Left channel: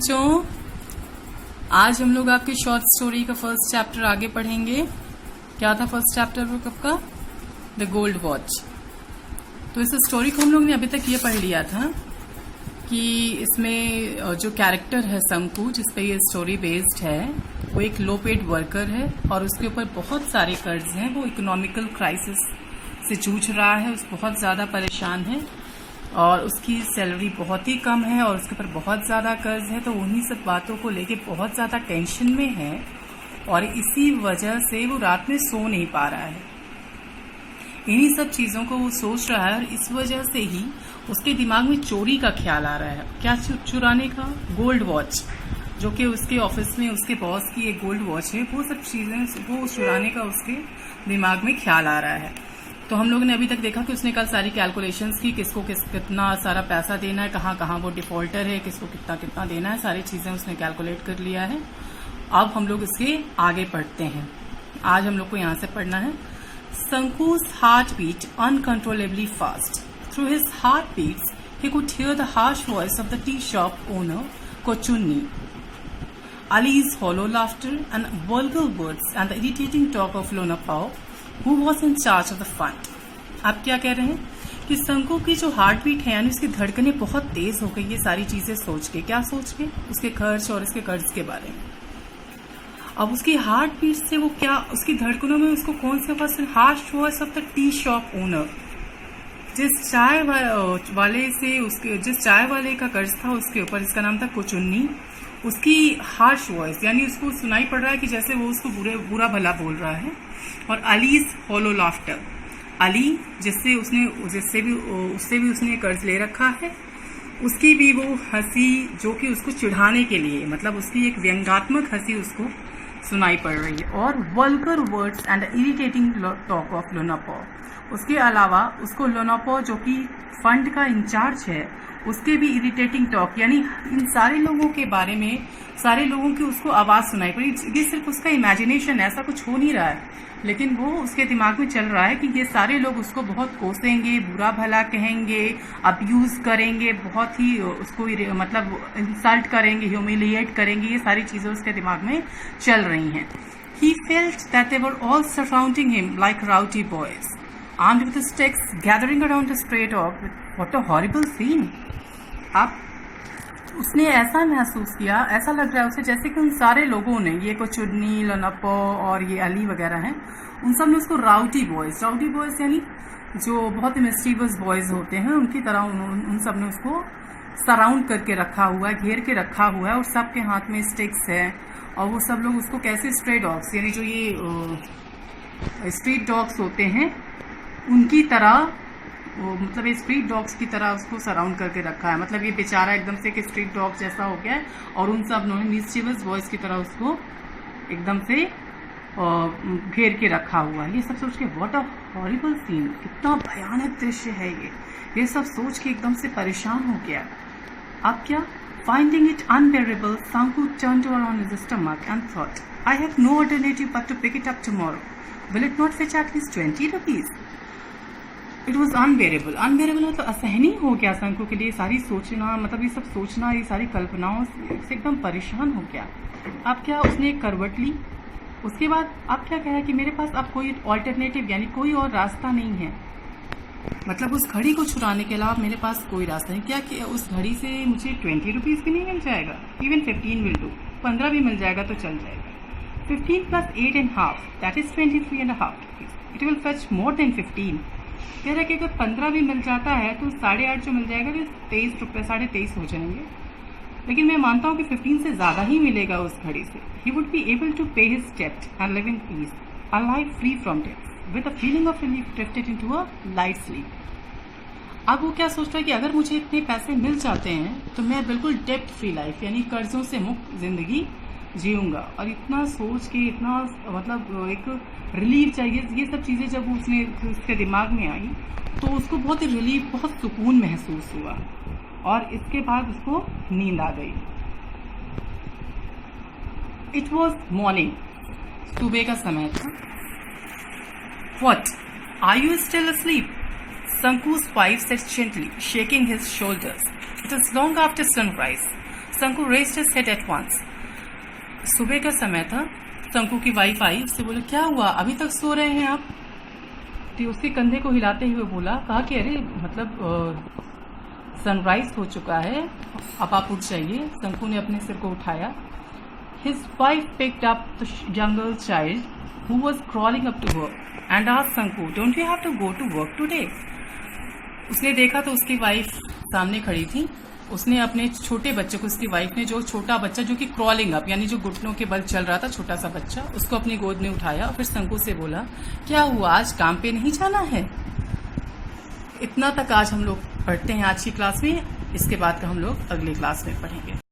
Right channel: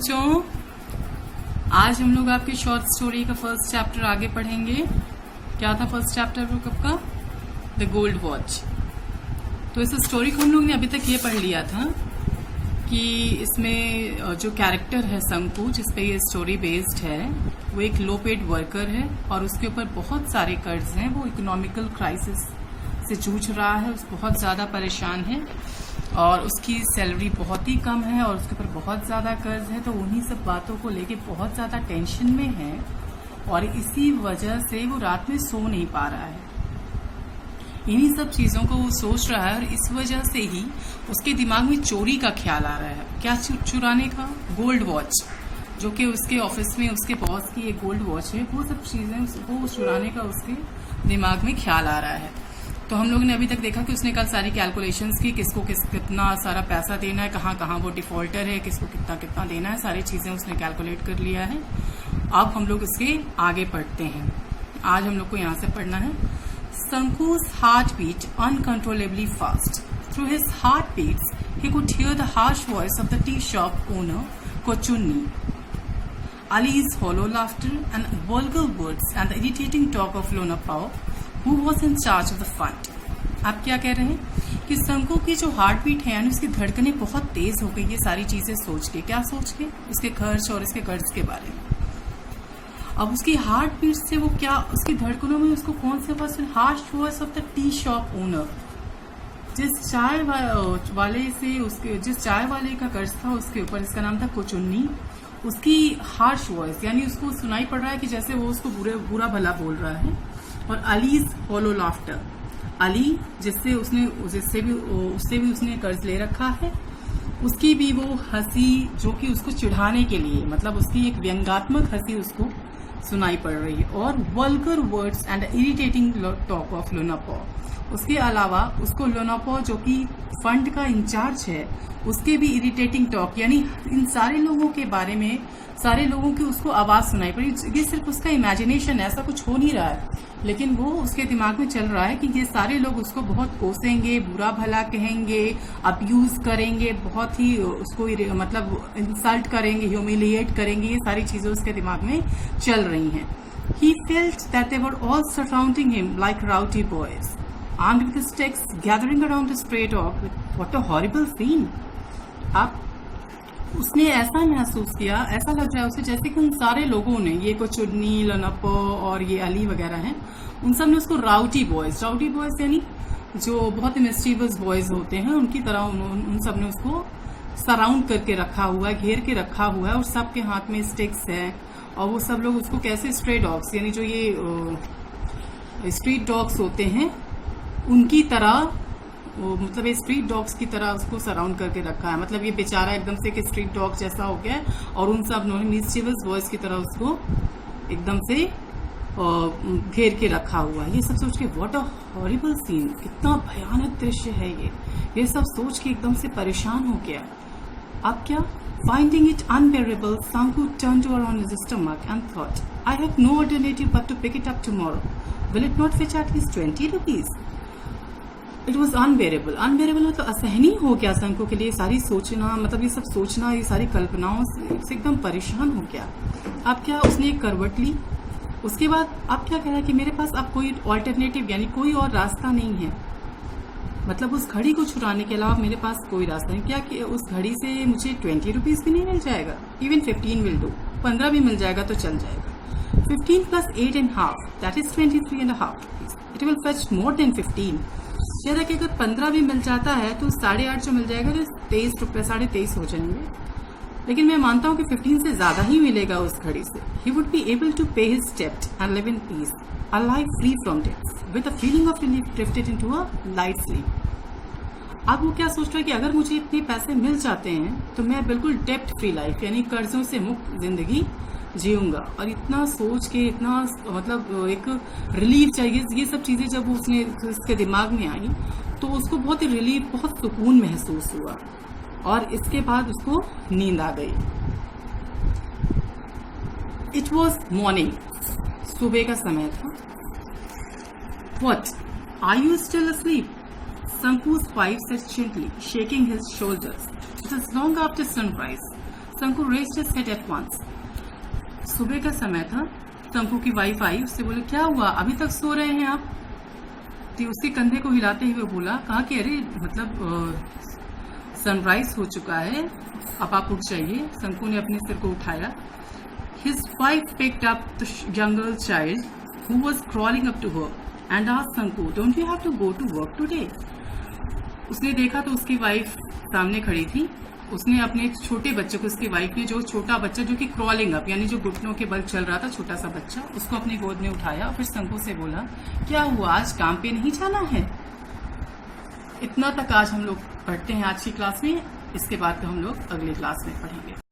बच्चों, आज हम लोग आपके शॉर्ट स्टोरी का फर्स्ट चैप्टर आगे पढ़ेंगे। क्या था फर्स्ट चैप्टर वो कब का? The gold watch. तो इस स्टोरी को हम लोग ने अभी तक ये पढ़ लिया था कि इसमें जो कैरेक्टर है शंकु, जिस पे ये स्टोरी बेस्ड है, वो एक लो पेड वर्कर है और उसके ऊपर बहुत सारे कर्ज हैं। वो इकोनॉमिकल क्राइसिस से जूझ रहा है, बहुत ज़्यादा परेशान है और उसकी सैलरी बहुत ही कम है और उसके ऊपर बहुत ज़्यादा कर्ज है। तो उन्हीं सब बातों को लेके बहुत ज़्यादा टेंशन में है और इसी वजह से वो रात में सो नहीं पा रहा है। इन्हीं सब चीज़ों को वो सोच रहा है और इस वजह से ही उसके दिमाग में चोरी का ख्याल आ रहा है। क्या चुराने का? गोल्ड वॉच, जो कि उसके ऑफिस में उसके बॉस की एक गोल्ड वॉच है। वो सब चीज़ें वो चुराने का उसके दिमाग में ख्याल आ रहा है। तो हम लोगों ने अभी तक देखा कि उसने कल सारी कैलकुलेशंस की, किसको कितना सारा पैसा देना है, कहाँ कहाँ वो डिफॉल्टर है, किसको कितना कितना देना है, सारी चीज़ें उसने कैलकुलेट कर लिया है। अब हम लोग इसके आगे पढ़ते हैं। आज हम लोग को यहाँ से पढ़ना है। Sanku's heart beat uncontrollably fast. Through his heartbeats, he could hear the harsh voice of the tea shop owner, Kochunni. Ali's hollow laughter and vulgar words and the irritating talk of Lona Pao, who was in charge of the fund. आप क्या कह रहे हैं कि शंकु की जो heart beat है, यानी उसकी धड़कनें बहुत तेज हो गई ये सारी चीजें सोच के। क्या सोच के? उसके खर्च और उसके कर्ज के बारे में। अब उसकी हार्ट बीट से वो क्या, उसकी धड़कनों में उसको कौन से पास harsh voice of the tea shop owner, जिस चाय वाले से उसके, जिस चाय वाले का कर्ज था उसके ऊपर, जिसका नाम था कोचुन्नी, उसकी हार्श वॉइस, यानी उसको सुनाई पड़ रहा है कि जैसे वो उसको बुरा भला बोल रहा है। और अलीज हॉलो लाफ्टर, अली उससे भी उसने कर्ज ले रखा है, उसकी भी वो हंसी जो कि उसको चिढ़ाने के लिए, मतलब उसकी एक व्यंग्यात्मक हंसी उसको सुनाई पड़ रही है। और vulgar words and irritating talk of लोनापो, उसके अलावा उसको लोनापो जो कि फंड का इंचार्ज है, उसके भी इरिटेटिंग टॉक, यानी इन सारे लोगों के बारे में, सारे लोगों की उसको आवाज़ सुनाई पड़ी। ये सिर्फ उसका इमेजिनेशन, ऐसा कुछ हो नहीं रहा है, लेकिन वो उसके दिमाग में चल रहा है कि ये सारे लोग उसको बहुत कोसेंगे, बुरा भला कहेंगे, अब्यूज करेंगे, बहुत ही उसको मतलब इंसल्ट करेंगे, ह्यूमिलिएट करेंगे। ये सारी चीज़ें उसके दिमाग में चल रही हैं। He felt that they were all surrounding him like rowdy boys, armed with sticks, gathering around a stray dog. What a horrible scene! अब उसने ऐसा महसूस किया, ऐसा लग रहा है उसे जैसे कि उन सारे लोगों ने, ये कोचुन्नी, लोनापो और ये अली वगैरह हैं, उन सब ने उसको राउडी बॉयज यानी जो बहुत मिस्चीवियस बॉयज होते हैं, उनकी तरह उन सब ने उसको सराउंड करके रखा हुआ है, घेर के रखा हुआ है और सबके हाथ में स्टिक्स है। और वो सब लोग उसको कैसे स्ट्रे डॉग्स, यानी जो ये स्ट्रीट डॉग्स होते हैं उनकी तरह, मतलब ये स्ट्रीट डॉग्स की तरह उसको सराउंड करके रखा है। मतलब ये बेचारा एकदम से कि स्ट्रीट डॉग जैसा हो गया है और उन सब ने मिस्चीवियस बॉयज की तरह उसको एकदम से घेर के रखा हुआ है। ये सब सोच के व्हाट अ हॉरिबल सीन, कितना भयानक दृश्य है ये सब सोच के एकदम से परेशान हो गया। अब क्या? Finding it unbearable, Sanku turned over on his stomach and thought, I have no alternative but to pick it up tomorrow. Will it not fetch at least 20 rupees? It was unbearable. Unbearable मतलब असहनीय हो गया शंकु के लिए। सारी सोचना, मतलब ये सब सोचना, ये सारी कल्पनाओं से एकदम परेशान हो गया। अब क्या? उसने एक करवट ली। उसके बाद अब क्या कह रहा है कि मेरे पास अब कोई ऑल्टरनेटिव, यानी कोई और रास्ता नहीं है। मतलब उस घड़ी को छुड़ाने के अलावा मेरे पास कोई रास्ता नहीं। क्या कि उस घड़ी से मुझे 20 रुपीज़ भी नहीं मिल जाएगा? इवन 15 विल डू, 15 भी मिल जाएगा तो चल जाएगा। 15 + 8.5 that is 23.5 rupees. It will fetch more than 15। कह रहा है कि अगर 15 भी मिल जाता है तो 8.5 जो मिल जाएगा तो 23 रुपये, 23.5 हो जाएंगे। लेकिन मैं मानता हूँ कि 15 से ज़्यादा ही मिलेगा उस घड़ी से। He would be able to pay his डेब्ट and live in peace, a life free from debts, with a feeling of relief drifted into a light sleep. अब वो क्या सोच रहा है कि अगर मुझे इतने पैसे मिल जाते हैं तो मैं बिल्कुल डेब्ट फ्री लाइफ, यानी कर्जों से मुक्त जिंदगी जीऊंगा। और इतना सोच के, इतना मतलब एक रिलीफ चाहिए, ये सब चीज़ें जब उसके दिमाग में आई तो उसको बहुत रिलीफ, बहुत सुकून महसूस हुआ और इसके बाद उसको नींद आ गई। इट वॉज मॉर्निंग, सुबह का समय था। What? Are you still asleep? Sanku's wife said gently, shaking his shoulders. It is long after sunrise. Sanku raised his head at once. सुबह का समय था। संकु की वाइफ आई, उससे बोले क्या हुआ, अभी तक सो रहे हैं आप? तो उसके कंधे को हिलाते हुए बोला, कहा कि अरे मतलब सनराइज हो चुका है, अब आप उठ जाइए। संकु ने अपने सिर को उठाया। His wife picked up the younger child who was crawling up to her and asked Sanku, don't you have to go to work today? उसने देखा तो उसकी वाइफ सामने खड़ी थी। उसने अपने छोटे बच्चे को, उसकी वाइफ ने जो छोटा बच्चा जो कि क्रॉलिंग अप यानी जो घुटनों के बल चल रहा था, छोटा सा बच्चा, उसको अपनी गोद में उठाया। फिर संकु से बोला, क्या हुआ, आज काम पे नहीं जाना है? इतना तक आज हम लोग पढ़ते हैं आज की क्लास में। इसके बाद तो हम लोग अगली क्लास में पढ़ेंगे।